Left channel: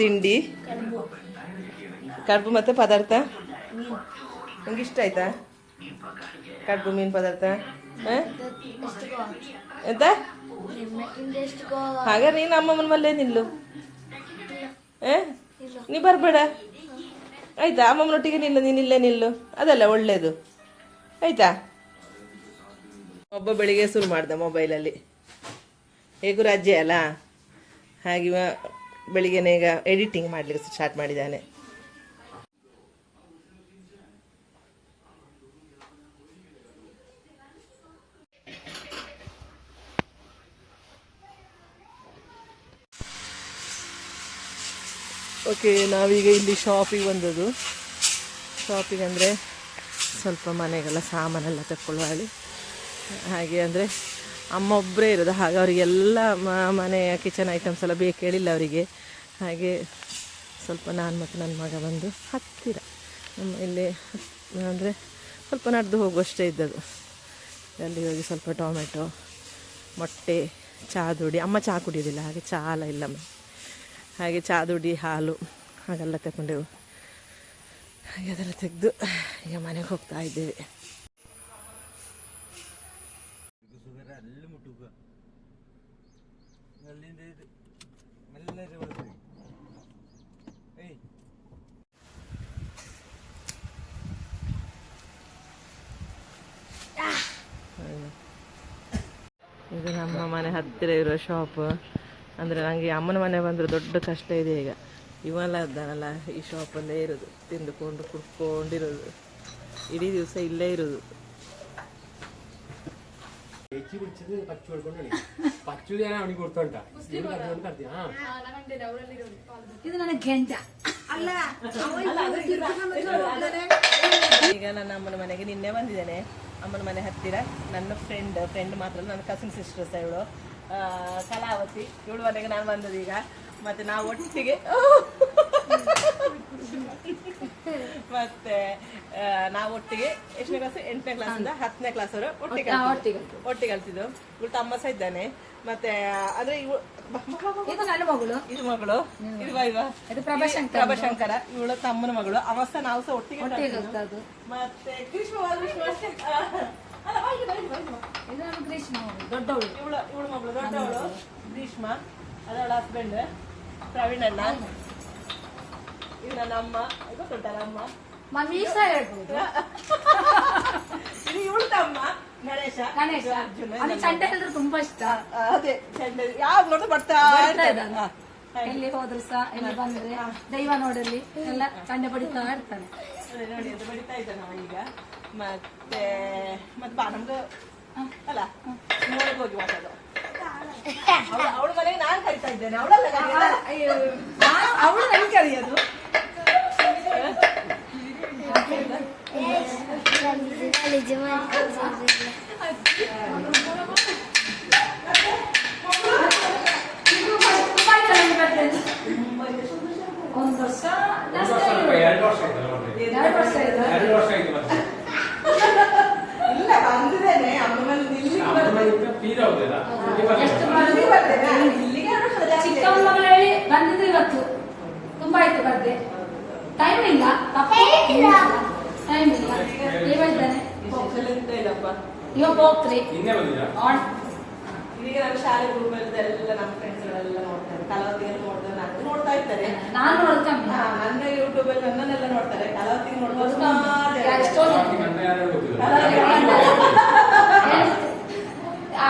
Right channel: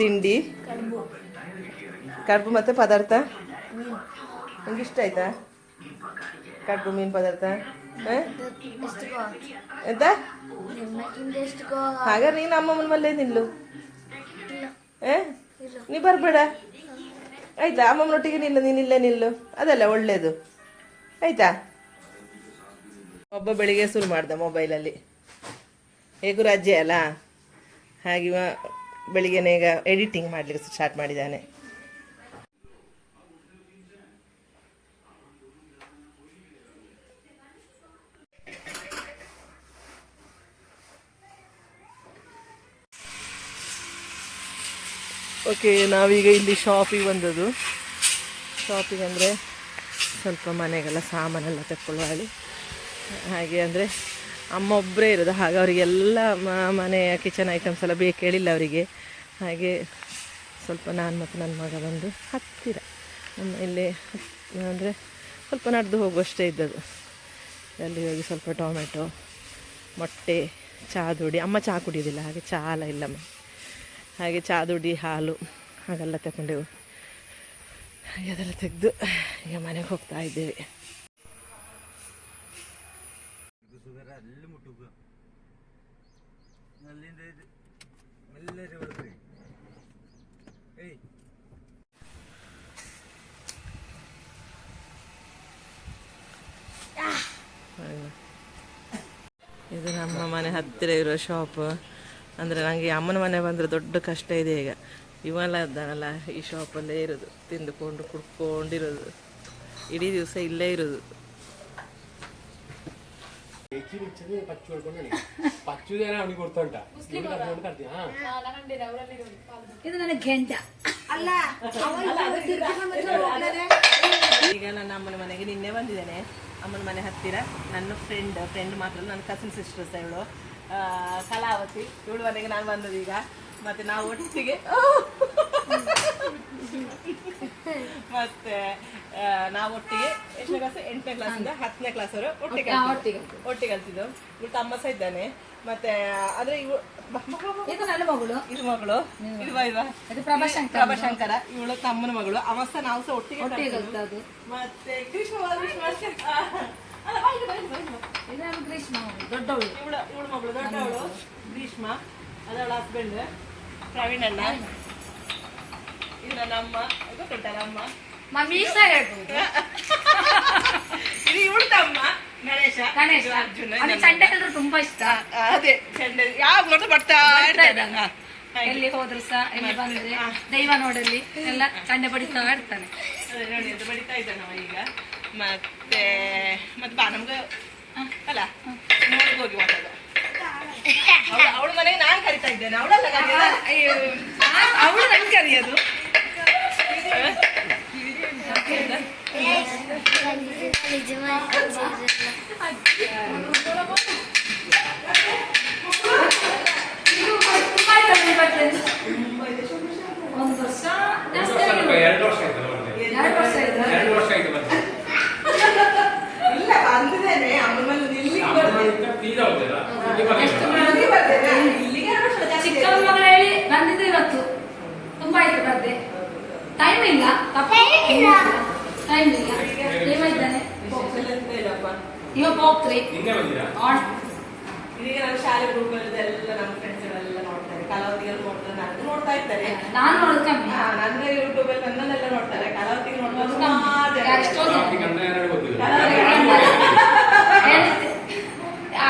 ತಿಂಡಿ ಕಡುಬು ಮತ್ತೆ ಪದಾರ್ಥ ನಿಂಗೆ ಇಷ್ಟ ಆಯ್ತಾ ಕಡುಬು ಮೀನು ಪದಾರ್ಥ ಎಂತ ಹಾಗಾದ್ರೆ ನೀನು ಅಮ್ಮಮ್ಮನ ಮಲ್ಲೇ ನಿಲ್ಲು ನೀ ಬರ್ಬೇಡ ಆಯ್ತಾ ಅಮ್ಮಮ್ಮನೊಟ್ಟಿಗೆ ನಿಲ್ಲು ನೀನು ಇಲ್ಲೇ ನಿಲ್ಲು ಅದಲ್ಲ ಒಳ್ಳೇದು ಆಯ್ತಾ. ಒಬ್ಬ ಬೆಳಿಗ್ಗೆ ಶುರು ಮಾಡ್ದ ಮೊಬೈಲಲ್ಲಿ, ಹೇಗೂ ರಜೆ ಅಲ್ಲ ಹಾಗೆ ಬೆಳಿಗ್ಗೆನೇ ಈಗ ಎಡಿಟಿಂಗ್ ಮಾಡ್ಲಿಕ್ಕೆ ಸ್ಟಾರ್ಟ್ ಮಾಡಿದ್ದಾನೆ. ಓಕೆ, ನಾವೀಗ ಇಲ್ಲಿ ಶಾಪಿಗೆ ಬಂದದ್ದು. ಶಾಪಿಗೆ ಅಂದರೆ ಸ್ವಲ್ಪ ಮನೆಗೆಲ್ಲ ಸಾಮಾನೆಲ್ಲ ತಕ್ಕೊಳ್ಳುವಳಿ. ಹಾಗೆ ಅಂದರೆ ಅಮ್ಮ ಒಬ್ಬರೇ ಇರೋದು, ಹಾಗೆ ಅವರಿಗೆಲ್ಲ ಮನೆಯ ಕಿಚನ್ ಐಟಮ್ಸ್ ಎಲ್ಲ ಬೇಕು ಹೇಳಿಲ್ಲ ಅವರಿಗೆ. ಹಾಗೆ ಸ್ವಲ್ಪ ನಾನು ಮತ್ತು ನನ್ನ ಮಗ ಬಂದು ಹತ್ತಿರ ನಮ್ಮ ಇಲ್ಲಿ ಅಂದರೆ ಸ್ವಲ್ಪ ನಡೆದು ಹೋಗುವಷ್ಟೇ ಇದ್ದದ್ದು. ಅಲ್ಲಿ ಹೋಗಿ ಸ್ವಲ್ಪ ಟೊಮೆಟೊ, ಮೊಟ್ಟೆ, ಚಾದುಡಿ, ಅಮ್ಮ ಚಹಾ ಕುಡಿಯೋದಿಲ್ಲ ಹಾಗೆ ಚಹಾ ಎಲ್ಲ ಇಲ್ಲ ಹಾಗೆ ಚಾದುಡಿ, ಹಾಲು ಹಾಗೆಲ್ಲ ತಗೊಂಡೆವು. ಹಾಗೆ ಅದೆಲ್ಲ ತೆಗೆದು ಈಗ ಮನೆಗೆ ಹೋಗ್ತಾ ಇದ್ದೇವೆ. ಇದು ನಮ್ಮ ಮನೆ ಹತ್ತಿರ ಇರೋ ಶಾಪ್. ಅಂದರೆ ನನಗೆ ಅಮ್ಮನ ಮನೆ ಬಂದರೆ ದೊಡ್ಡ ಕಷ್ಟ ಇದೆ. ಈಗ ಇವೆಲ್ಲ ಇದ್ದಾನಲ್ಲ ಈ ಶಾಪಲ್ಲೇ ಇರೋದು, ತಿಂದುಕೊಂಡು ಕುಡ್ಕೊಂಡಿರೋದು, ಇಡೀ ದಿವಸ ಇಲ್ಲೇ ಇರೋದು. ಈಗ ನನ್ನ ಅಮ್ಮನ ಮನೆಗೆ ನಿನ್ನೆ ಬಂದಿದ್ದೇನೆ. ಅಮ್ಮನ ಮನೆ ಹತ್ತಿರ ನನ್ನ ಫ್ರೆಂಡ್ ಮಾತ್ರ, ನನ್ನ ಕಸಿನ್ ಸಿಸ್ಟರ್ಸ್ ಇವಳು ಕಲಾವತಿ, ಇವಳು ಮನೆಗೆ ನಾನು ಬಂದದ್ದು ಈಗ. ಮತ್ತೆ ನಾವು ಒಟ್ಟಿಗೆ ಮತ್ತೆ ನಾವು ಒಟ್ಟಿಗೆ ಎಷ್ಟನೇ ಕ್ಲಾಸ್, 8ನೇ ಕ್ಲಾಸಿಂದ 10ನೇ ಕ್ಲಾಸ್ ಅವರು ಒಟ್ಟಿಗೆ ಕಲ್ತಿದ್ದು. ಇವಳು ತಮ್ಮ ಸಹ ಇದ್ದಾನೆ. ಮತ್ತೆ ಅಂದ್ರೆ ಇದು ನನ್ನ ಮಗಳು, ಇದು ಮಗಳು, ಇದು ಪ್ರಭಾಶಂಕರ, ಇವಳು ತಮ್ಮನ ಮಗಳು. ಅವಸ ನಾವು ಸಹ ಒಟ್ಟಿಗೆ ಕಲ್ತದ್ದು. ಮತ್ತೆ ದೊಡ್ಡವಳು, ಇವಳು ಮಗಳು ದೊಡ್ಡವಳು ಗ್ರೀಷ್ಮ, ಅದವಳ ಹಸ್ಬೆಂಡ್ ಪ್ರವೀಣ್ ಅಣ್ಣ. ಇದು ನನ್ನ ಅಮ್ಮ, ಗೊತ್ತುಂಟ ನಮ್ಮ ಇದು ಇವಳು ತಮ್ಮ ಗಣೇಶ, ಅರ್ಜುನ. ತುಂಬಾ ಇಷ್ಟ, ಅದೇ ಚಂಡ ಯಾವಾಗ ಬರ್ತಾ ಇರ್ತಾನೆ. ಎಲ್ಲಿ ಹೋದ್ರು ಸಹ ಎಲ್ಲಿ ಬಂದ್ರೆ ದೈವ ನೋಡಲ್ಲಿ ಎಲ್ಲ ಚಂಡೆ ಬಡಿತಾ ಇರ್ತಾನೆ. ನೋಡಿ ಅದು ಬಡಿತಾ ಇದ್ದಾನವ ಈಗ. ಮತ್ತೆ ಬಾ ನಮ್ಗೆ ಅಲ್ಲ ನೋಡಕ್ ಹೋಗಿ ಮಾತಾಡೋ. ಅವಳ ಮನೆಗೆ ನಾನು ಕರಿತಾ ಇದ್ದೇನೆ, ಅವಳಲ್ಲ ಅವಳು ನನ್ ಕರಿಯೋದು. ಒಂದು ವರ್ಷ ಇಲ್ಲ ಬಂದಿದ್ದೇನೆ ಅಮ್ಮನಲ್ಲಿ ಚಿಕ್ಕಮ್ಮ ಹೇಳಿ ಬಂದಿದ್ದು ಇವತ್ತು ತುಂಬಾ ಆಯ್ತು ಬರ್ದೆ. ಟೈಮ್ ಇಲ್ಲ, ಟೈಮ್ ಇಲ್ಲ. ನೀವಿದ್ದಾನೆ ಇವಾಗ ಹೋಗ್ರಿ. ಇದೀಗ ನಾನು ಶಾಲೆ ಗ್ರೂಪಲ್ಲೆಲ್ಲ ನಮ್ಮ ಫ್ರೆಂಡ್ಸ್ಗಳೆಲ್ಲ ನೋಡ್ತಾರೆ, ಕಲಾವತಿಗೆಲ್ಲ ನೋಡ್ತಾರೆ, ನನಗೂ ನೋಡ್ತಾ ಇರ್ತಾರೆ. ನಾನು ನೋಡ್ತಾ ನನ್ನ ಯೂಟ್ಯೂಬ್ ಅಲ್ಲಿ ನನ್ನನ್ನೆಲ್ಲ ನೋಡ್ತಾರೆ, ಕಲಾವತಿಗೆ ನೋಡ್ತಾರೆ.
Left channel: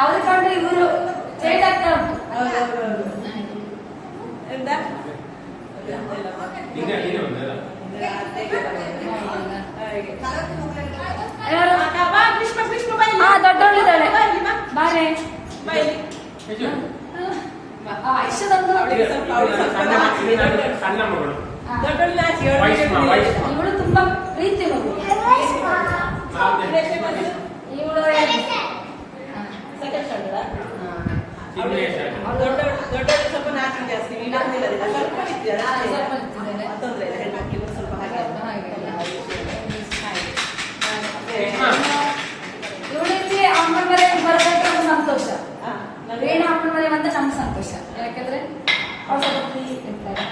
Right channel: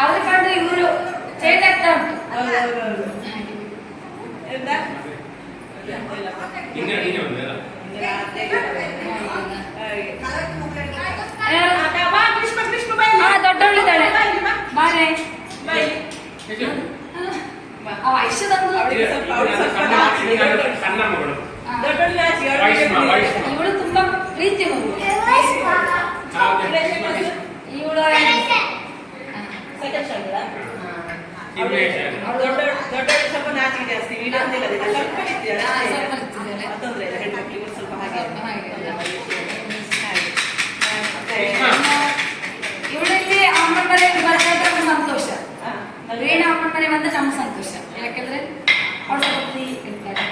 ಅವ್ರ ಕಂಡು ಇವರು ಚೇಂಜ್ ಆಗ್ತಾ ಉಂಟು. ದೊಡ್ಡವಳಿದ್ದಾಳೆ ಬಾರೆ ಇವಳು ತುಂಬಾ ಪ್ರೀತಿ ಮಗು. ಇವಳು ದೊಡ್ಡ ಸ್ವಲ್ಪ ನಾಚಿಕೆ ಜಾಸ್ತಿ, ತೊಂದರೆ ಇಲ್ಲ, ಹೆಣ್ಮಕ್ಳಿಗೆ ಸ್ವಲ್ಪ ಹಾಗೆ. ಇವಳಿಗೆ ಅಮ್ಮನ ಮನೆಗೆ ಬರ್ಬೇಕಾದ್ರೆ ನಮ್ಗೆ ಸಂತೋಷ, ರೇಣ ಅಮ್ಮನ ಮನೆ ಬಂದ್ರೆ ನಮ್ಗೆ ಸಂತೋಷ. ಯಾಕಂದ್ರೆ ಅವ್ರು ಸ್ವಲ್ಪ ಇರ್ತಾರೆ,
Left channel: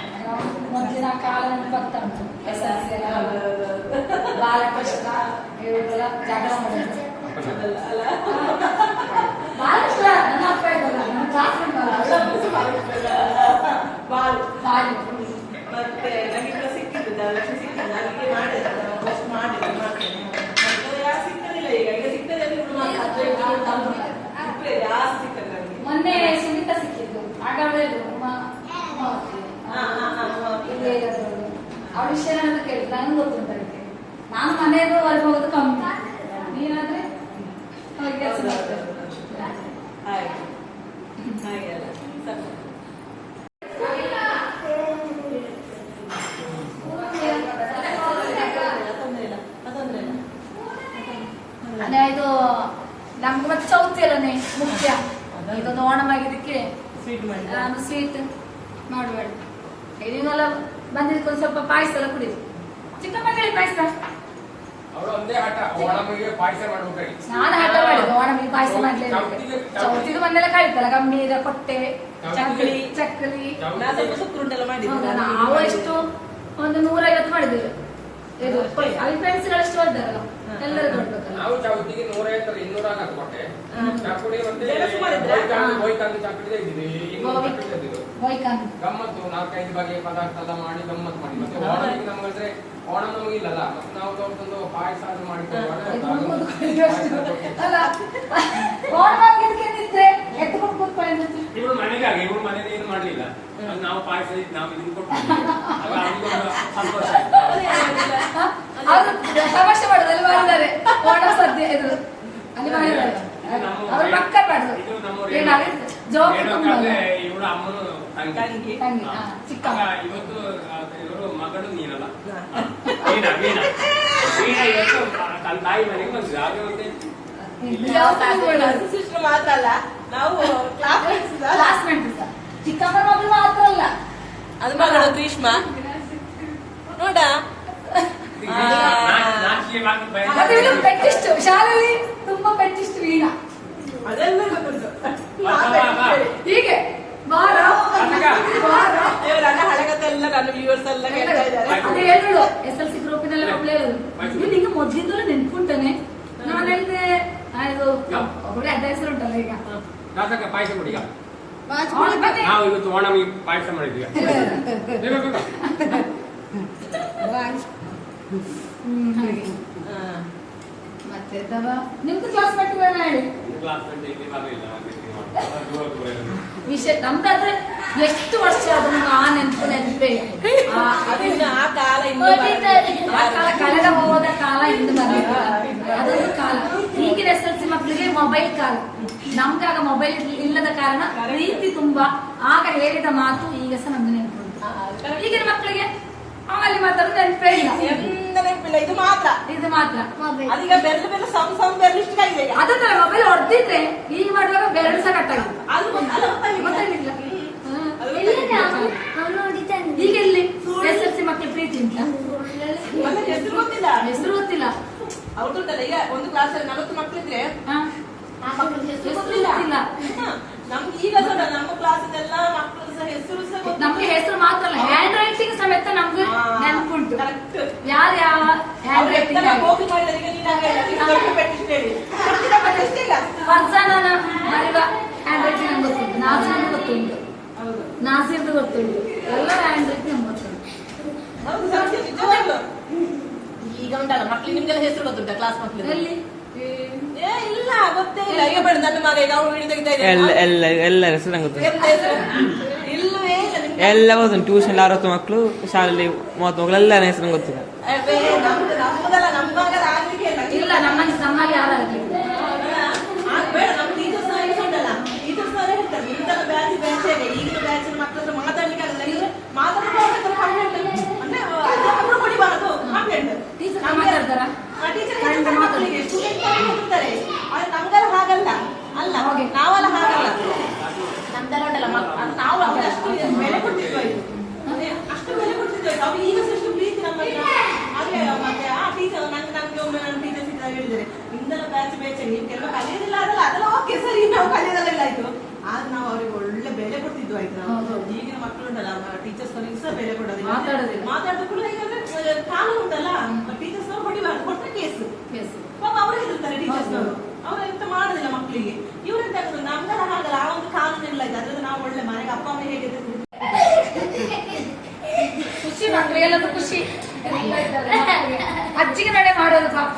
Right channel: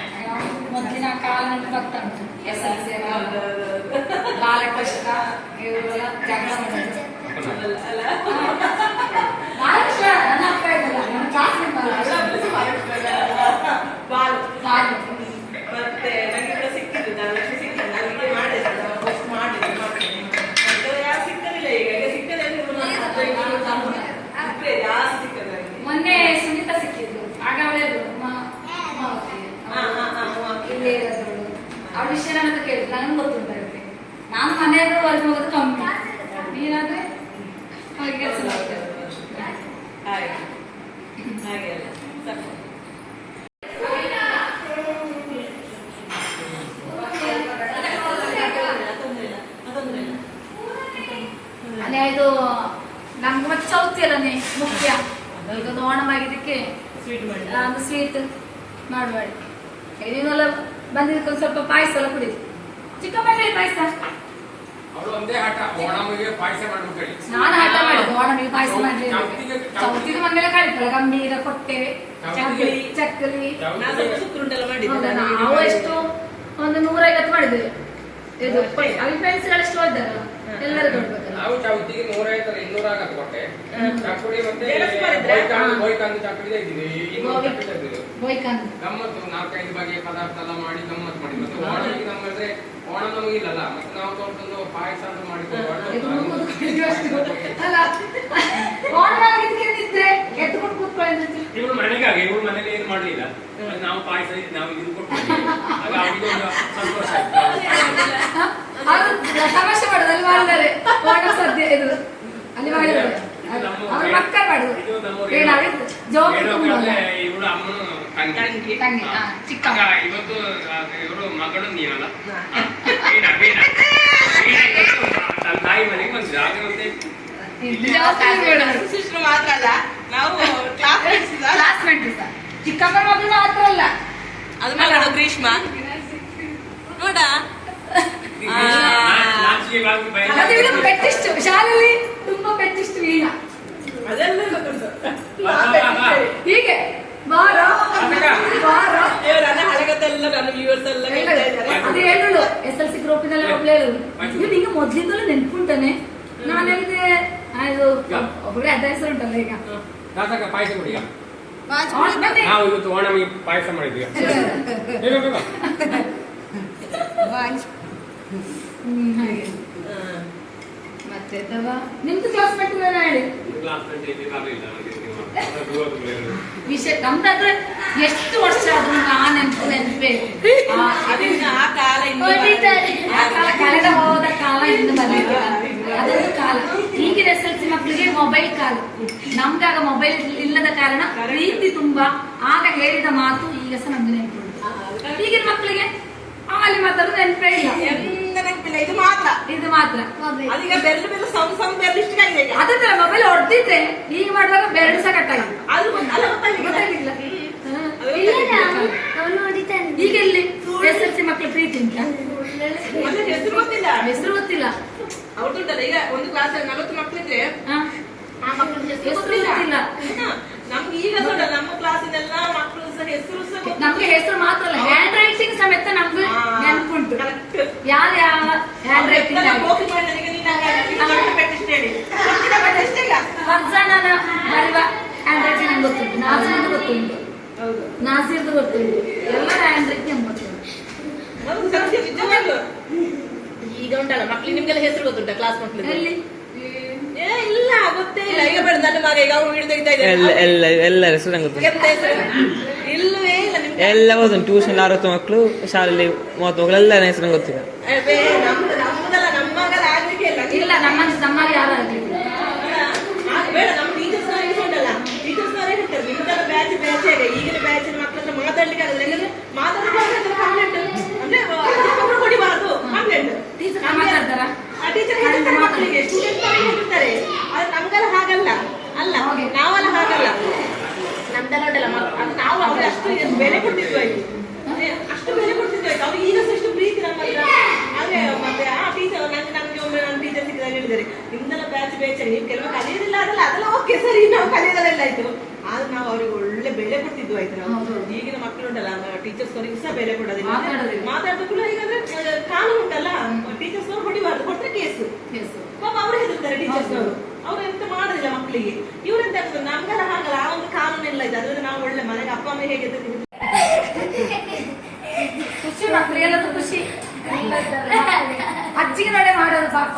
ಬಾಲಕೃಷ್ಣ ಇವರೆಲ್ಲ ಜಗಳ ಮಾಡೋದು. ಬಾಲಕೃಷ್ಣ ನನ್ನ ಅಪ್ಪ ಇದ್ದಲ್ಲ, ನನ್ನ ಕ್ಲಾಸ್ಮೇಟ್ ಬಾಲಕೃಷ್ಣ. ಮತ್ತೆ ನನಗೆ ಸಿಕ್ಕಿದ್ದು ಧನಲಕ್ಷ್ಮಿ ಸಿಕ್ಕಿದ್ದು ಅಲ್ಲಿಗೆ ಮಾಡಿದೆ, ಪೋಸ್ಟ್ ಮಾಡಿದೆ ಮತ್ತೆ ಯಾರು ಸಿಕ್ಕಲಿಲ್ಲ. ಈಗ ಸಿಕ್ಕದೆ ಜಾಸ್ತಿ ಸಿಕ್ಕದ. ಮೊನ್ನೆ ಸುನೀತಾ ಸಿಕ್ಕಿದ್ದು, ಆಗ ಅವಳು ಅವ್ರ ವಿಷಯ ನನ್ನ ಕೇಳಿದ್ರು, ನನಗೆ ಗೊತ್ತುಂಟಾಗುತ್ತೆ. ನಾನು ಮನೆಯಲ್ಲೂ ಹೊರಗೆ ಹೋಗೋದು ಕಮ್ಮಿ, ನೀನಾದ್ರೆ ಅವ್ರಿಗೆ ಕೆಲಸ ಮಾಡ್ತೇವೆ. ಹಾಗೆಲ್ಲ ಸಾಕು. ಇದು ನಮ್ಗೆ ಮತ್ತೆ ಚೌತಿ ಅಲ್ಲನೇ ಮುಖ್ಯ. ಇದೊಂದು ಓಣಮಾಗಿದ್ದಕ್ಕೆ ಒಂದು ಸ್ವೀಟ್ ಮಾಡಬೇಡಿ. ನೀವೆಲ್ಲ ಬಂದಿದ್ದಕ್ಕೊಂದು ಸ್ವಲ್ಪ ಪಾಯಸ ಎಲ್ಲ ಕುಡಿದು. ಚಿಕ್ಕಮ್ಮನಿಗೆ ಪಾಯಸ ನಾನು ಹಠ ಮಾಡಿದ್ದು ಓಣಮಿಗೆ ಪಾಯಸ ಮಾಡ್ಲಿ. ಚೌತಿದು ಮನೆಯಲ್ಲ ಕಳಿತಲ್ಲ, ಗಂಭೀರ ಕೊಟ್ಟೆ ಚಕ್ಕಲಿ ನಾವು ಎಷ್ಟು ಒಂದು 150 ಮಾಡಿದ್ದೇವೆ. ಇದು ಫ್ರೆಂಡ್ಸ್ ಗಳಷ್ಟು ಹೋದಲ್ಲ, ಎಲ್ಲರೂ ನೋಡ್ಬೇಕಲ್ಲ. ನಾವು ಚೌತಿಗೆ 150 200 ಆಗತ್ತೆ ಕೊಟ್ಟೆ. ಚಕ್ಕುಳಿ ಮತ್ತೆ ಬೋಯ್ಕಾನ್ ಗಮ್ಮತ್ತು 4-5 ಬಗೆಯ ಪದಾರ್ಥ ಎಲ್ಲ ಮಾಡಿ ಗಮ್ಮತ್ತು ಮಾಡಿ. ಮತ್ತೆ ಓಣಮಿಗೆ ನಮ್ಮಂದ್ರೆ ಓಣ ನಮಗಿಲ್ಲಲ್ಲ, ಮತ್ತೆ ನಾವು ತಗೊಂಡು ಪಾಯಸ ಮಾಡಿಕೊಂಡು ಎತ್ಕೊಂಡು ಕೂತ್ಕೊಳ್ಳಿ. ಇವ್ರು ಮನೆಗಾಗಿ ಇವ್ರು ಮನೇಲಿ ಏನು ಮಾಡ್ಲಿಲ್ಲ, ನಾವು ಪಾಯಸ ನಾವು ಇದನ್ನು ಕೊಡ್ತೀವಿ. ಆಗ ಅವನಿಗೆ ಒಂದು ಸಂತೋಷ ಆಯ್ತು. ತಮಾಷೆ ಮಾಡೋದು ಮಾಡಿದ್ದಾರೆ ಓಣ ಸದ್ಯ ಇದು ಅಲ್ಲಿ ಮಾಡಿದ್ದಾರೆ. ಅವ್ರ ಮಕ್ಕಳು ಮಾಡುದು ಇವಳು ಅಮ್ಮನು ತಂಗಿ ಚಿಕ್ಕ ಇವತ್ತು ಇವರು ಮಗಳು ನೀನಲ್ಲ ಬೀನಾ ಬೀನಾ ಬೀನಾ ಇವತ್ತು ತನ್ನ ತಾಯಿ ಮನೆಗೆ ಬಂದಿದೆ. ಆಗ ಸಿಸ್ಟರ್ ಮಾತ್ರ ಅಲ್ಲ, ನಾವು ಕ್ಲಾಸ್ಮೇಟ್ ಚಿಕ್ಕಮ್ಮ ಮಗಳು ಮಾತ್ರ ಅಲ್ಲ, ಅದು ಗ್ರೀಷ್ಮ ನೋಡ ಪೆಟ್ಟಿಷ್ಟು ಶಾಲೆಯಲ್ಲಿ ತುಂಬಾ ಪೆಟ್ಟಿಷ್ಟು ವೀಣಾ ಹೀಗೆ ನನ್ನ ಹಳಗದೆಲ್ಲ ನನ್ನ ವ್ಯೂವರ್ಸ್ ಎಲ್ಲ ಅದೇ ಹೇಳೋಳು SLC ಗ್ರೂಪಿನಲ್ಲಿ ಒಬ್ಳು ಹೇಳೋಳು, ನೀವು ನಿಂಗೆ ಮೊದ್ಲಿಂದಲೂ ನೆನ್ಪುಂಟಾನೆ. ನಾನೆಲ್ಲಿದೆ ಅದು ಒಬ್ಬರೇ ಅಡ್ಡ ಹೆಸರು ಉಂಟಲ್ಲ ಈಗ ಪಾಯಸ ಕೊಡಿ. ನಾವು ಇವತ್ತು ಓಣಮಿ ಪಾಯಸ ಮಾಡಿದ್ವಿ. ಹಾಗೆ ಮತ್ತೆ ನಿಮ್ದು ಕ್ಲಾಸ್ಮೇಟ್ ಹೇಳಿ ವಿಷಯ. ನಮ್ದಾದ್ರೆ ಎಷ್ಟು ವರ್ಷ ಆದ್ರೂ ಆ ನೆನಪೇ ಕಳೆದ ಹೋದ ಕಾಲ ಇನ್ನು ಬಂದಿಲ್ಲ. ಅದೊಂದು ಕಾಲ. ಈಗಿನ SLC ಮಕ್ಕಳಿಗೆ ಮೊಬೈಲ್ ಕಾಲ. ನಮ್ಗಾಗ ಮೊಬೈಲ್ ಇಲ್ಲದ ಕಾರಣ ಪ್ರೀತಿ ತುಂಬಾ. ಆಗ ಹೇಳಿದ ಮಾತು ಈಗ ಸಹ ನಮ್ಗೆ ನೆನಪು. ಈಗಿನ ಮಕ್ಕಳಿಗೆ ಅಲ್ಲಿ ಮಾತಾಡೋದು ನೆನಪೇ ಇಲ್ಲ, ನೆನಪಿಲ್ಲ. ಇದು ಮಾತ್ರ ಅದೀಗ ಬೆರಳು ಬೆರಳು ಸೌಂಡ್ ಬೆರಳು ಇಷ್ಟ ಆಗಿದೆ. ಅದೇ ತರ ಮೊಬೈಲ್ ಹೊಡೆದಿದ್ರೆ ಈಗ ಮಾಡುವಾಗ ಬೆರಳು ಸಹ ಕಟ್ಟಾಗಿಲ್ಲ. ಅದು ಗೊತ್ತಾಗಿಲ್ಲ. ಈಗ ಇಲ್ಲಿ SLC ಮಕ್ಕಳ ಪ್ರೀತಿ ಉಂಟಾ? ಹೆಸರು ಗೊತ್ತಿಲ್ಲ. ಅವ್ರದುಂಟಲ್ಲ, ಈಗ ಒಂದು ಕ್ಲಾಸ್ 40 ಮಕ್ಕಳಿದ್ರೆ ನಮ್ಗೆ ಈಗ ನಮ್ಮ ಕ್ಲಾಸಿನೆಲ್ಲ ಮಕ್ಕಳು ಸಹ ಹೆಸರು ಸಹ ನಮ್ಗೆ ಹೆಸರು ಮಾತ್ರ ಅಲ್ಲ, ಹ್ಯಾಂಡ್ ರೈಟಿಂಗ್ ಸಮೇತ ನಮ್ಗೆ ನೆನಪುಂಟು. ಯಾರು ಯಾವ ಹ್ಯಾಂಡ್ ರೈಟಿಂಗ್ ಫರ್ಜಾನನ ಬರೆಯುವ ಹ್ಯಾಂಡ್ ರೈಟಿಂಗ್ ನಂಗೆ ಗೊತ್ತುಂಟು, ನಾಸಿರ್ದು ಗೊತ್ತುಂಟು, ನಾಸಿರ್ದು ಗೊತ್ತುಂಟು, ಎಲ್ಲ ಹ್ಯಾಂಡ್ ರೈಟಿಂಗ್ ನಮ್ಗೆ ಗೊತ್ತುಂಟು. ಈಗ ಉಂಟಲ್ಲ ಮಕ್ಳಿಗೆ ನಿಮ್ಗೆಲ್ಲ ಹೆಸರು ಗೊತ್ತುಂಟ ಕ್ಲಾಸ್ ಮಕ್ಳಿಗೆ? ಎಲ್ಲಿ ಇಲ್ಲ, ಗೊತ್ತೇ ಇಲ್ಲ. ಈಗ ಬೇಡ ನನ್ನ ಮಗ ಈಗ ಅವ್ರು ಹಿಡಿದ ಎಲ್ಲ ಹೆಸರು ನಂಗೆ ಗೊತ್ತು. ಇಲ್ಲವೇ ಇಲ್ಲ ನಿಮ್ಗೆ ಎಲ್ಲ ಓದು ಟ್ಯೂಷನ್ 60 ಮಕ್ಕಳು, ಶಾಲೆಯಲ್ಲಿ 30 ಮಕ್ಕಳು, ಎಲ್ಲ ಹೆಸರು ನಂಗೆ ಗೊತ್ತಿಲ್ಲ. ನಮ್ಮದಲ್ಲ, ನಮ್ಮ ಮಗದ ಆಗ್ಲಿಕ್ಕೆ ಇಲ್ಲ. ನಮ್ಮಲ್ಲಿ ಯಾರು ಆಗ್ಲಿಲ್ಲ. ಬೇಡ, ನಮ್ಮ ಟೀಚರ್ಸ್ ಉಂಟಲ್ಲ, ಟೀಚರ್ಸ್ ಹೇಳ್ತಾರೆ ನಿಮ್ದೆಲ್ಲ ಬ್ಯಾಚ್ ಈಗಿನ ಬ್ಯಾಚ್ ಮಕ್ಕಳ ಹತ್ರ ಮಾತಾಡ್ಲಿಕ್ಕೆ ಆಗಲ್ಲ. ಯಾಕಂದ್ರೆ ಮಾತಾಡೋದು ಕಂಪ್ಲೇಂಟ್ ಅಂದ್ರೆ ಅಧ್ಯಾಪಕರು ಕೊಡಿಬಾರದು ಕಂಪ್ಲೇಂಟ್. ಟೀಚರ್ ಮಾತಾಡ್ತಾರ, ಟೀಚರ್ ಸ್ಟೂಡೆಂಟ್ ಹೋಗ್ತಾರೆ. ಆದ್ರೆ ನಮ್ಗೆಲ್ಲ ಹಾಗಲ್ಲ ಅಲ್ಲ, ನಾವೆಲ್ಲ ಹಾಗಲ್ಲ. ನಮ್ದೆಲ್ಲ ಉಂಟಲ್ಲ ಅದು ನಾವು ಅಷ್ಟು ಬೆಲೆ ಕೊಡ್ತಿದ್ವಿ, ಅಷ್ಟು ಬೆಲೆ ಕೊಡ್ತಿದ್ವಿ. ಅವ್ರು ಈಗ ಎಷ್ಟು ಪ್ರೀತಿ ನಮ್ಮ ಹಾಗೆ. ಮತ್ತೆ ಆ ಟೀಚರ್ ನಮ್ಗೆ ಒಮ್ಮೆ ನಮ್ಮ ಟೀಚರ್ ಸಿಕ್ಕಿದಾಗ ಹೇಳಿದ್ದಾರೆ, ನಿಮ್ದೆಲ್ಲ ಬ್ಯಾಚ್ ನೀವು ಕೆಲವು ಕಲಿಯೋದಿಲ್ಲ ಅದಲ್ಲ, ಅದೆಲ್ಲ ಓಕೆ ಸರಿ, ನಾವು ಕಲಿಯೋದೆಲ್ಲ ಆಯ್ತು. ಆದ್ರೆ ನಾವು ಅವ್ರಿಗೆ ಒಳ್ಳೆ ಬೆಲೆ ಕೊಡ್ತಿದ್ವು ಆಯ್ತು ನಾವು. ಹೌದು. ಈಗಿನ ಮಕ್ಕಳು ಉಂಟಲ್ಲ ಟೀಚರ್ಸ್ ಅವರಿಗೆ ಸಹ ಬೆಲೆ ಕೊಡೋದಿಲ್ಲ, ಮಾತಾಡೋದಿಲ್ಲ. ಮಾತಾಡೋದು ಕೂಡ ಈಗ ಕಾನೂನು ಉಂಟಲ್ಲ, ಟೀಚರ್ಸ್ ಅವರು ಹೊಡಿಬಾರ್ದು, ಕೊಟ್ಟರೆ ಕೇಸು. ಪಾಪ ಅವ್ರು ಹೆದರ್ತಾರೆ ಟೀಚರ್ಸ್ ಅವರು, ಅವ್ರು ಎಂತ ಮಾಡೋದಿಲ್ಲ ಮಕ್ಕಳಿಗೆ. ಇವ್ರೆಂತ ಆಗ್ತದೆ ನಮ್ಗೆಲ್ಲ ಹಾಗಲ್ಲ, ಆ ಒಂದು ಕಾನೂನು ಎಲ್ಲ ಇದೆ. ಅದ್ರಲ್ಲಿ ನಾವು ಒಳ್ಳೆ ಮನೆಗೆ ಅಪ್ಪ ಅಮ್ಮ ಹೇಗೆ ಖುಷಿ, ಮಕ್ಕಳು ಎಲ್ಲರೂ ಖುಷಿ. ಅಜ್ಜಿಗೆ ನೋಡೇ ಮಾಡೋದು ಪಾಪ.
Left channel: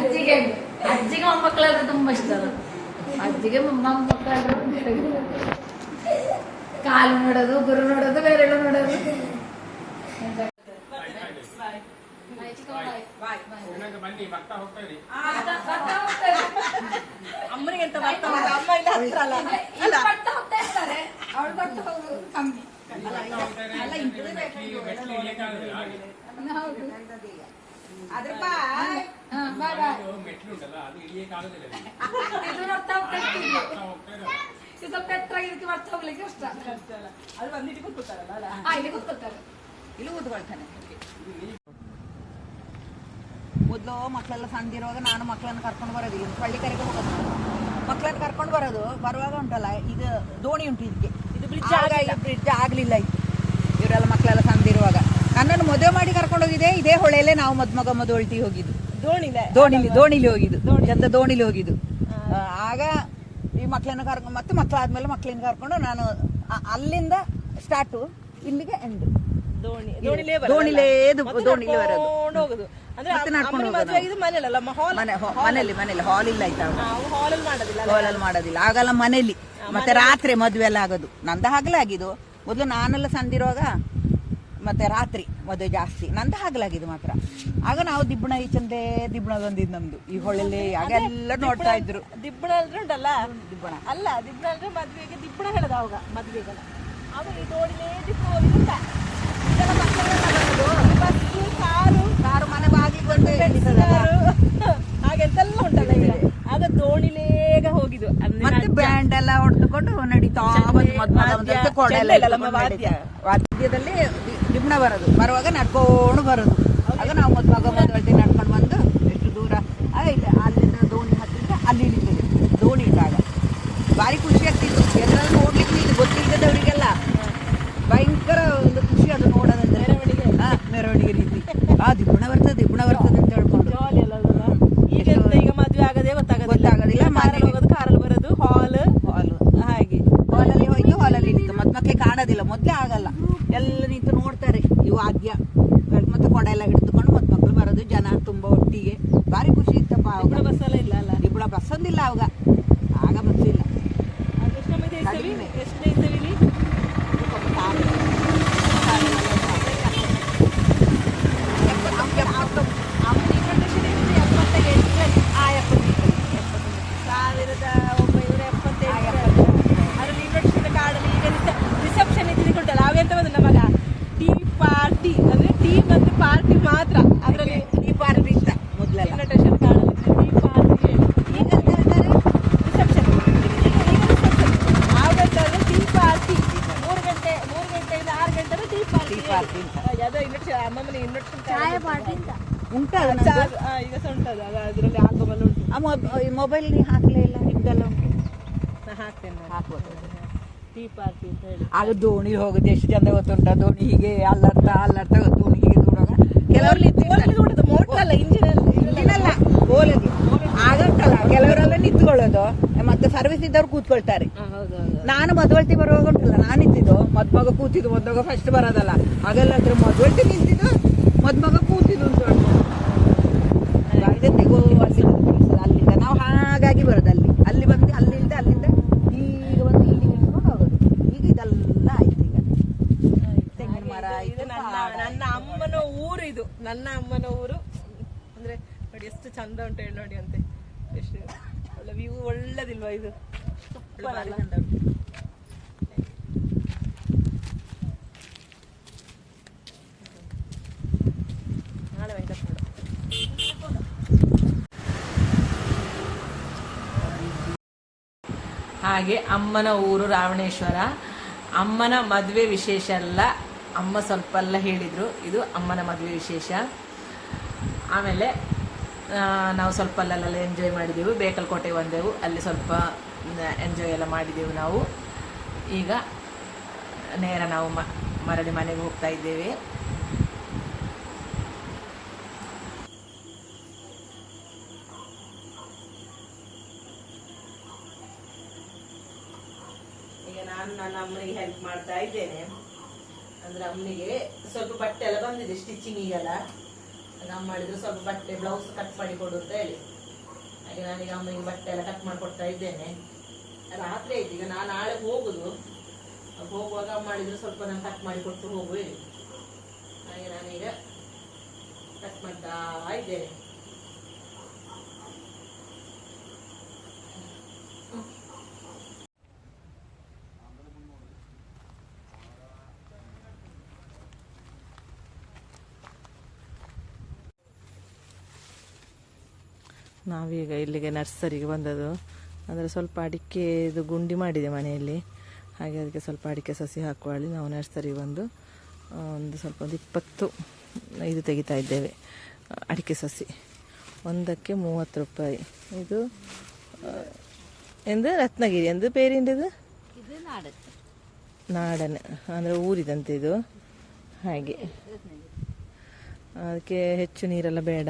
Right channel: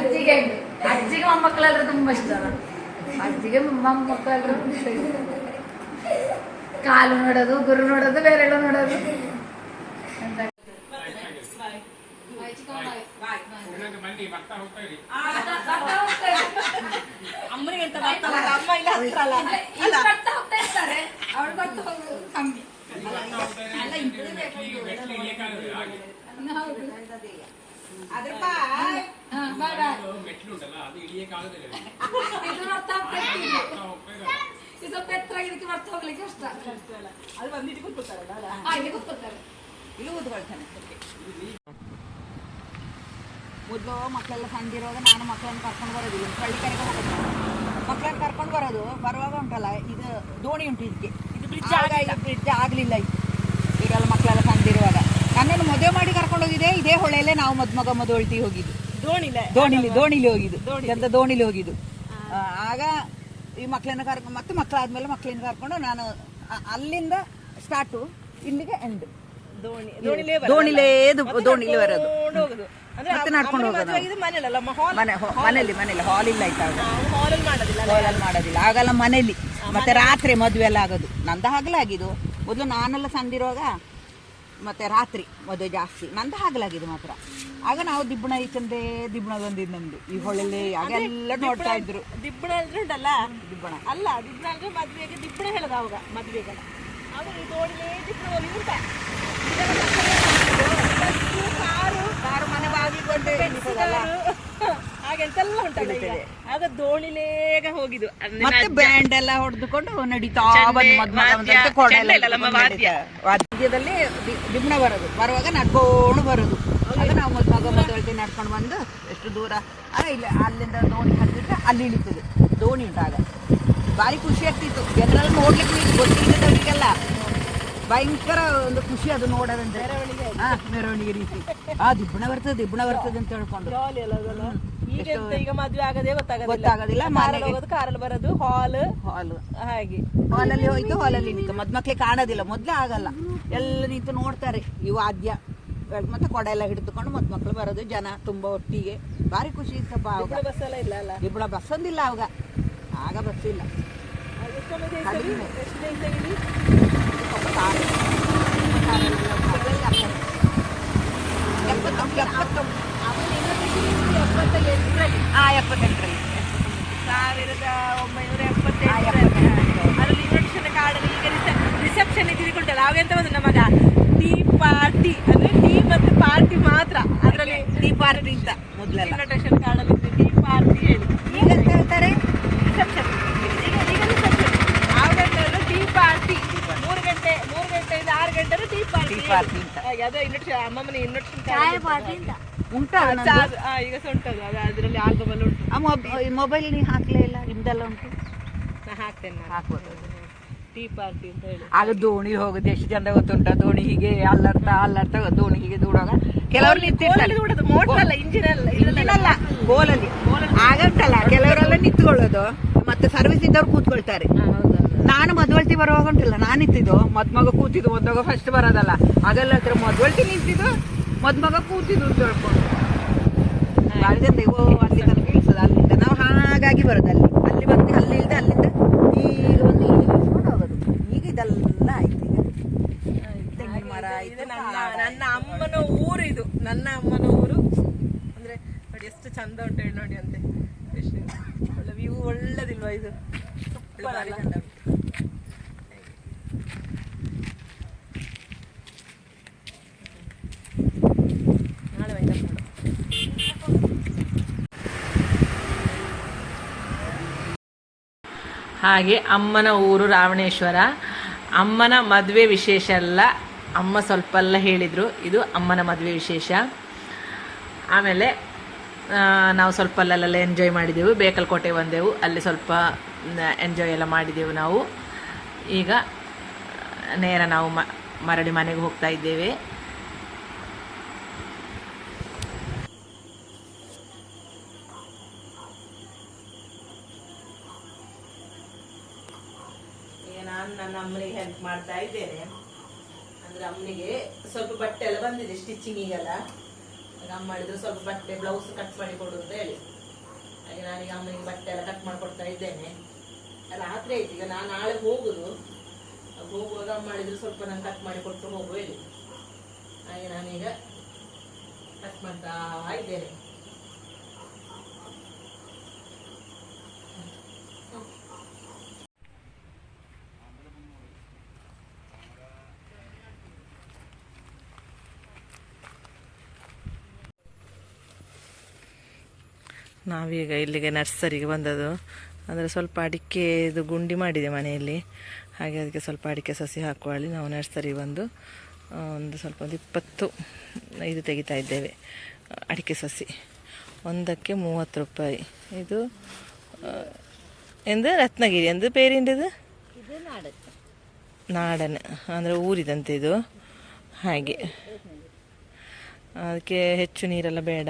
ಅಜ್ಜಿಗೆ ಮೊಮ್ಮಕ್ಕಳೆಲ್ಲ ತುಂಬಾ ಇಷ್ಟ. ಅಜ್ಜಿಗೆ ನಮ್ಮ ಮಕ್ಕಳೆಲ್ಲ ಕಾಲು ನೋಡೋದು, ಗುರು ನೋಡೋದು, ಬೇರೆಲ್ಲ ನೋಡೋದು. ಬನ್ನಿ ಬರ್ತಾ ಹೋಗ್ತಾ ಇರಿ. ಅಮ್ಮನಿಗೆ ಎಂತ ಬರ್ತಾವ, ಅಮ್ಮ ಇಲ್ಲ ಹತ್ರ ಅಲ್ಲ. ಬರ್ತಾ ಹೋಗ್ತಾ ಇರ್ತಾರೆ, ಅವ್ಳು ಬರ್ತಾ ಹೋಗೋದು ಕಮ್ಮಿ. ಮೆಟ್ಲುಂಟಲ್ಲ ಅದು ಇಳಿಯಕ್ಕಾಗೋದಿಲ್ಲ. ಇದು ಬರ್ತಾ ಹೋಗ್ತಾ ಇರ್ತಿಲ್ಲ. ಇದು ಸ್ವಲ್ಪ ಎತ್ತರ ಇದಕ್ಕೆ ಬರ್ತಾ ಹೋಗ್ಲಿಕ್ಕೆ ಕಷ್ಟ. ಅದು ಬಂದಿಟ್ಟು ಕೂತ್ಕೊಳ್ತಾರಲ್ಲ, ಇಲ್ಲಿ ಕೂತ್ಕೊಳ್ತಾರೆ, ಇಲ್ಲಿ ಕೂತ್ಕೊಳ್ತಾನೆ. ಮೊದಲು ಮಕ್ಕಳೆಲ್ಲ ಸಣ್ಣದಿರುವಾಗ ನಾನು ಮಕ್ಕಳನ್ನು ಕರ್ಕೊಂಡು ಬರೋದಿಲ್ಲ, ಹಳ್ಳಿ ಕಡೆಗೆ ಹೋಗೋದು. ಮಕ್ಕಳನ್ನು ಕರ್ಕೊಂಡು ಬರುವಾಗ ಉಂಟಲ್ಲ, ಇದು ದೋಣಿ ಉಂಟು ಇದಕ್ಕೆ, ಇದು ಬ್ರಿಡ್ಜ್ ಆಗಲಿಲ್ಲ ಇತ್ತು. ಇವರೆಲ್ಲ ಮಕ್ಕಳೆಲ್ಲ ಸಣ್ಣದಿರುವಾಗ ನನ್ನನ್ನು ಮದುವೆ ಮಾಡಿ ಕರ್ಕೊಂಡು ಹೋಗಿದ್ದೆ ಇದೇ ಹೊಳೆಯಲ್ಲೇ ನಾವು ಮದುಮಗ ಮದುವಳ್ತಿ ಹೋಗಿದ್ದು. ದೋಣಿಲಿ ಹೋಗಿದ್ದು, ಎಂತ ದೋಣಿಲಿ ಹೋಗಿದ್ದು. ಆಗ ಈ ಮಕ್ಕಳನ್ನ ಕರ್ಕೊಂಡು ಮತ್ತೆ ಮಕ್ಕಳಾದ್ಮೇಲೆ ಮಕ್ಕಳನ್ನ ಕರ್ಕೊಂಡು ನಾನು ಅಲ್ಲಿಂದ ಸ್ಟಾರ್ಟು ಇಲ್ಲಿಗೆ ಎಂಡ್. ದೋಣಿಲೇ ಬರೋದು, ಮತ್ತೆ ನಡ್ಕೊಂಡು ಹೋಗೋದು. ಮನೇಲಿ ಹಾಲ್ ಇಲ್ಲ ಆಯ್ತಾ, ಹಾಲಲ್ಲಿ ಮಾಡೋದಿಲ್ಲ, ಆಗಲ್ಲ ಮನೇಲಿ. ಮತ್ತೆ ರಾತ್ರಿ ಮದುವೆ ಎಲ್ಲ ಆಗೋದು, ನಂದ ಹಗಲಾಗಿದ್ದು. ಮೊದಲು ನಾನೆಲ್ಲ ಸಂದಿರುವಾಗ ಮತ್ತೆ ರಾತ್ರಿ ಮದುವೆ ಜಾಸ್ತಿ, ನಂದ ಹಗಲಾಗಿದ್ದು ಮಾತ್ರ. ಆಗ ನಾವು ದಿಬ್ಬಣ ಈಚಂದೇ ದಿಬ್ಬಣ ಬಂದಿದ್ದು ನಮ್ದು ಈ ಹೊಳೆಲ್ಲಿ. ಆಗೆಲ್ಲ ನೋಡ್ತಾ ಇದ್ರು. ದಿಬ್ಬಣ ಅಂದ್ರೆ ಉಂಟಲ್ಲ, ದಿಬ್ಬಣ ಅಲ್ಲ, ದಿಬ್ಬಣ ಅಂದ್ರೆ ಮದ್ವೆಗೆ ದಿಬ್ಬಣ ಹೇಳದ ಅವಾಗ ಮದ್ವೆಗೆಲ್ಲ. ಆಮೇಲೆ ದೋಣಿಲೇ ದಿಬ್ಬಣ ಹೋಗಿದ್ದ. ಇದೆಲ್ಲ ಮಕ್ಕಳೆಲ್ಲ ಬಸ್ಸು, ಕಾರು ಮನೆ ಬಾಗಿಲು ಬಂದು ಹಾಗೆಂತೆಲ್ಲ ಉಂಟಲ್ಲ ಈಗ. ಆಗ ದೋಣಿಲೇಗ ಹೋಗಿದ್ದು, ಮತ್ತೆ ಬ್ಯಾಂಡ್ ಎಲ್ಲ ಹೊಡೆದುಕೊಂಡು ನಡೀತಾ ವಾದ್ಯದಲ್ಲಿ ದಿಬ್ಬಣ ಬರುವಾಗ ನಡ್ಕೊಂಡು ಬರೋದು. ಆಗ ನಾವು ಮಗ ಮದುವೆ ನಡ್ಕೊಂಡು ಬಂದು ಎಷ್ಟು ದೂರ ಇಲ್ಲ, ಅಲ್ಲಿಂದ ದೋಣಿ ಹತ್ತಿದ್ರೆ ಅಲ್ಲಿ ಇಳಿತದೆ ದೋಣಿ ಇಟ್ಟಾಗ. ಭಾರಿ ಖುಷಿ ಆಗ್ತಿತ್ತು, ಎಲ್ಲರೂ ನೋಡ್ಲಿಕ್ಕೆ ಗೊತ್ತಿದ್ದವರಿಗೆಲ್ಲ ಭಯಂಕರ ಒಂದು ಖುಷಿ ಅದು ನೋಡೋದಂದ್ರೆ. ಮೆರವಣಿಗೆ ರೀತಿ ದಿಬ್ಬಣ ಬರ್ತದೆ ಅಂತ ಹೇಳ್ಕೊಂಡು. ಈಗ ಮದುವೆ ಆಗದೆ ಗೊತ್ತಾಗೋದಿಲ್ಲ. ಮನೆಗೆ ಕಾರಲ್ಲಿ ಬರೋದು, ಹಾಲ್ ಹಾಗೆ ಹಾಲಲ್ಲಿ ಹೋಯ್ತು, ಹಾಲಲ್ಲಿ ನಿಂತು ಮಕ್ಕಳಿಗೆ ಕಾಣೋದಿಲ್ಲ. ಮೊದಲೇ ಆಗಲ್ಲ, ಎಲ್ಲ ನಿಂತು ನೋಡ್ತಾರೆ ಇವು ವಾದ್ಯ. ಮತ್ತೆ ಕೊಡ ಎಲ್ಲ ಹಿಡಿದುಕೊಂಡು ಮಕ್ಕಳು ಬರೋದು, ಜನ ತುಂಬಾ ಒಟ್ಟಿಗೆ. ಭಾರಿ ಖುಷಿ ಇತ್ತಪ್ಪ ಅವಾಗ. ಬಸ್ಸೆಲ್ಲ ಇಲ್ಲ ಅಲ್ಲ, ದಿಬ್ಬಣ ಬಸ್ ಒಂದಿಲ್ಲ ಅವಾಗ, ಆಗ ಬಸ್ ಇಲ್ಲ, ಕಡಿಮೆ. 1978 ಅದ್ರಲ್ಲಿ ಇಲೆಕ್ಷನ್ ಕಾರ್ಡಲ್ಲಿ ಈಗ ರಿಸೆಪ್ಷನ್ ತಿಳ್ಕೊಂಡಲ್ಲ, ಅವೆಂತ ಬಂದು ನಮಗ ಟೀ ಪಾರ್ಟಿ ಅಂದ್ರೆ ಟೀ ಮತ್ತು ಪಾರ್ಟಿ ಮಾತ್ರ. ಅದರಲ್ಲಿ ಟೀ ಪಾರ್ಟಿ ಅಂತ ಮೊದಲೆಲ್ಲ ಇನ್ವಿಟೇಷನ್ ಕಾರ್ಡಲ್ಲಿ ಟೀ ಪಾರ್ಟಿ ಹೇಳಿ. ಈಗ ಹೇಳ್ತಾರೆ ರಿಸೆಪ್ಷನ್. ಆವಾಗಂತಂದ್ರೆ ಟೀ ಪಾರ್ಟಿ 3 ಗಂಟೆಯಿಂದ 6 ಗಂಟೆ ಟೀ ಪಾರ್ಟಿ ಅಂತ. ಅದ ಇನ್ವಿಟೇಷನ್, ಅಮ್ಮಮ್ಮನ ಇನ್ವಿಟೇಷನ್ ಉಂಟಾ ಈಗ ಸಹ ಉಂಟದು, ಅದರಲ್ಲಿ ಆಲ್ಬಮ್ ಎಲ್ಲ ಉಂಟು. ಮೊಬೈಲ್ ಹಾಕ್ಲೇ ಇಲ್ಲ, ನಿಮ್ದೆಲ್ಲ ಉಂಟು, ಹಾಕ್ತೇನೆ ಹಾಕ್ಬೋದು. ಟೀ ಪಾರ್ಟಿ ಅಂತ ಹೇಳಿ. ಆಗ ದೋಣಿ ಹೋಗುದು ಎಷ್ಟು ಚಂದ ಗೊತ್ತುಂಟ. ದೋಣಿ ಹೀಗೆ ಅಲ್ಲರ್ತ ದೋಣಿ ಹೀಗೆ ದೂಡುವಾಗ ಕೆಲವರು ಮೋಟರ್ ಅಲ್ಲ, ಇಂಜಿನ್ ಅಲ್ಲ, ಬೋಲಲ್ಲಿ ಆಗ ಉಂಟಲ್ಲ, ಕೆಲವರೆಲ್ಲ ನಿಂತ್ಕೊಳ್ಳೋದು, ಮತ್ತೆ ಸರ್ವಿಸ್ ಇದ್ದವ್ರು ಕೂತ್ಕೊಳ್ತಾರೆ. ನಾನು ಮದುವಳ್ತಿ ಬರುವಾಗ ಉಂಟಲ್ಲ, ನಾನು ನಿಂತಿದ್ದು, ಮದ್ಮಗ ಕೂತಿದ್ದು. ಮದ್ಮಗ ಫಸ್ಟ್ ಬರೋದಲ್ಲ, ಅದೆಲ್ಲ ಮದುವಳ್ತಿ ನಿಂತಿದ್ದು, ಮದ್ಮಗ ಕೂತಿದ್ದು ಅಂತ ಹೇಳ್ಕೊಂಡು ಅಲ್ಲಿಂದ ಬೀಳ್ಸೋದು. ಅಲ್ಲಿಂದ ನಾವು ಹಾಗಾಗಿ ಬರೋದು, ಅಲ್ಲಿ ಬಂದು ಅಲ್ಲಿಂದ ಈಗ ಬಂದು ಇಲ್ಲಿ ಇಳಿಸ್ಕೊಂಡು ಹೋಗೋದು. ಈಗ ಇದೆಲ್ಲ ಆಯ್ತು. ಈಗ ತೆಂಗಿನ ಮರ ಇದು ನನ್ನ ಅಮ್ಮನ ಊರು, ಇದು ನನ್ನ ಅಮ್ಮನ ಊರು. ಅಂದ್ರೆ ನೋಡಿ ಎಷ್ಟು ಚಂದ ಉಂಟು ಹೇಳಿ, ನೋಡಿ ಅಂತೆ ಎಷ್ಟು ಒಳ್ಳೆ ವ್ಯೂ, ಒಳ್ಳೇದಿಲ್ವಾ ಇದು? ಸೂಪರ್ ಅಲ್ಲ? ಹಾಗೆ ಅಮ್ಮನ ಊರು ರಾವಣೇಶ್ವರ. ಅಮ್ಮನ ಮದುವೆ ವಿಶೇಷ ಅಲ್ಲ, ಅಮ್ಮ ಸ್ವಲ್ಪ ಎಲ್ಲ ಹೇಳಿದರು, ಇದು ಅಮ್ಮನ ಮದುವೆ ವಿಶೇಷ. ಆಮೇಲೆ ನಾವು ಸ್ವಲ್ಪ ಅಲ್ಲೆಲ್ಲ ಎಂಜಾಯ್ ಮಾಡಿದೆವು. ಬೇಕಲ್ಕೋಟೆ ಬಂದೆವು, ಅಲ್ಲಿ ಸ್ವಲ್ಪ ಎಂಜಾಯ್ ಎಲ್ಲ ಮಾಡಿದೆವು ನಾವು. ಈಗ ನೇರ ನಾವು ಮರಳಿ ಮನೆಗೆ ಹೋಗ್ತಾ ಇದ್ದೇವೆ. ಈಗ ನಾನು ನನ್ನ ಅಮ್ಮನಿಗೆ ಹೆಲ್ಪ್ ಮಾಡ್ತಾ ಇದ್ದೇನೆ. ಅಂದ್ರೆ ಅಮ್ಮನಿಗೆ ಸ್ವಲ್ಪ ಬಟ್ಟೆ ಎಲ್ಲ ಬಂದಿದೆ ಸ್ಟಿಚಿಂಗಿಗೆಲ್ಲ. ಅಮ್ಮ ಮಾಡಿದ್ರು ಸ್ವಲ್ಪ ಬಟ್ಟೆ ಬ್ಲೌಸ್ ಕಟ್ ಮಾಡಿ ಕೊಡು ಅಂತ ಹೇಳಿ, ಹಾಗೆ ನಾನೀಗ ಅಮ್ಮನಿಗೆ ಬಟ್ಟೆ ಎಲ್ಲ ಕಟ್ ಮಾಡಿ ಕೊಡ್ತಾ ಇದ್ದೇನೆ. ರಾತ್ರಿ ಆಯ್ತು, ಈಗ ನಾನು ನಾಳೆ ಹೋಗುದು. ಹೋಗುವಾಗ ಅಮ್ಮ ಮಾಡಿದ್ರು ಸ್ವಲ್ಪ ನಾನು ಕಟ್ ಮಾಡಿ ಕೊಟ್ಟು ಹೋಗು ಹೇಳಿ, ಹಾಗೆ ನಾನೀಗ ಕಟ್ ಮಾಡ್ತಾ ಇದ್ದೇನೆ. ನಾವೀಗ ಇಲ್ಲಿಗೆ ನರ್ಸರಿಗೆ ಬಂದದ್ದು. ಅಂದರೆ ಸ್ವಲ್ಪ ಅಡಿಕೆ ಇದು ಗುಂಡಿ ಮಾಡಿದೆ ಮನೆಯಲ್ಲಿ, ಹಾಗೆ ಅದಕ್ಕೆ ಸ್ವಲ್ಪ ಅಡಿಕೆ ಸಸಿ ಹಾಕುವಲ್ಲಿ ನಾವು ನರ್ಸರಿಗೆ ಬಂದು ಒಂದು 20 ಇದು ತೆಗಿತಾ ಇದ್ದೇವೆ ಅಡಿಕೆ ಸಸಿ. ಒಂದಕ್ಕೆ 30 ರೂಪಾಯಿ. ಇದು ಎಂದು ರತ್ನಗಿರಿ ಎಂದು ಪೇರಿಂಡಿದು ನಾಡನ್ ಅಂದರೆ ಊರಿದಂತೆ ಇದು. ಹಾಗೆ ಅದಕ್ಕೆ ಹೆಚ್ಚು ನೀರೆಲ್ಲ ಬೇಡ,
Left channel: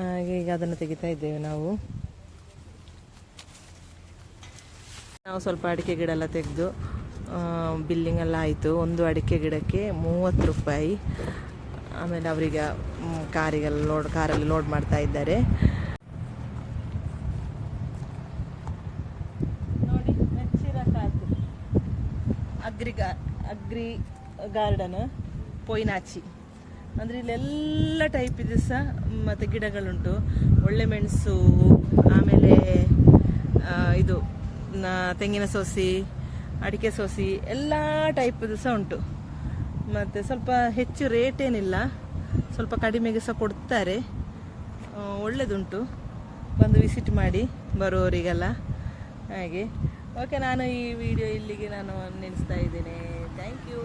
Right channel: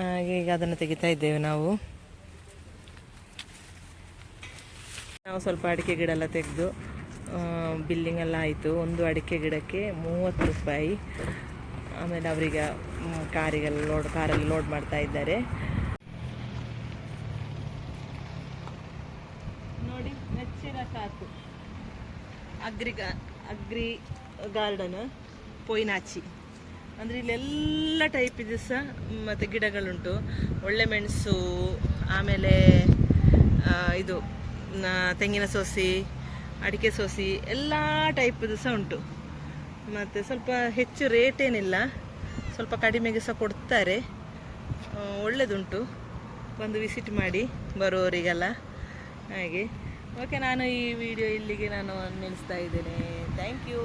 ಹಾಗೆ ಈಗ ಅದನ್ನು ತೆಗಿತಾ ಇದ್ದೇವೆ ನಾವು. ಸ್ವಲ್ಪ ಅಡಿಕೆ ಗಿಡ ಎಲ್ಲ ತೆಗೆದು ಬಿಲ್ಲಿಂಗ್ ಎಲ್ಲ ಆಯಿತು. ಒಂದು ಅಡಿಕೆ ಗಿಡಕ್ಕೆ 30 ರೂಪಾಯಿ. ಆಮೇಲೆ ಅವರಿಗೆ ಕಾರಲ್ಲಿ ಲೋಡ್ ಮಾಡ್ತಾ ಇದ್ದಾರೆ. ನೋಡಿ ನೆಚ್ಚಿನ ಸಾಕು ಅಗ್ರಿ ಗಾರ್ಡನ್ ಪೊಯ್ನಾಚಿ. ಅಂದರೆ ಇಲ್ಲೆಲ್ಲ ಟೈಪ್ ಇದೆ ಸಹ, ಮತ್ತು ಗಿಡಗಳುಂಟು. ಒಳ್ಳೆ ಮೆಣಸು, ಆಮೇಲೆ ಇದು ತೆಂಗಿನ ಸೋಸಿ, ಅಡಿಕೆ ಸೋಸಿ, ಎಲ್ಲ ಟೈಪದು ಸಹ ಉಂಟು. ಮತ್ತು ಸ್ವಲ್ಪ ಹೆಚ್ಚು ರೇಟ್ ಏನಿಲ್ಲ, ಸ್ವಲ್ಪ ಕಡಿಮೆಗೆ ಸಹ ಕೊಡ್ತಾರೆ. ಒಳ್ಳೆಯದುಂಟು, ಬಂದು ವಿಸಿಟ್ ಮಾಡಿ ಬರುವವರಿಗೆಲ್ಲ. ಹಾಗೆ ಓಕೆ, ನಾನು ಈ ವಿಡಿಯೋ ಇಲ್ಲಿಗೆ ನಾನು ನಿಲ್ಲಿಸ್ತಾ ಇದ್ದೇನೆ. Thank you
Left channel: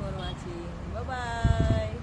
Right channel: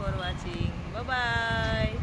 for watching. Bye.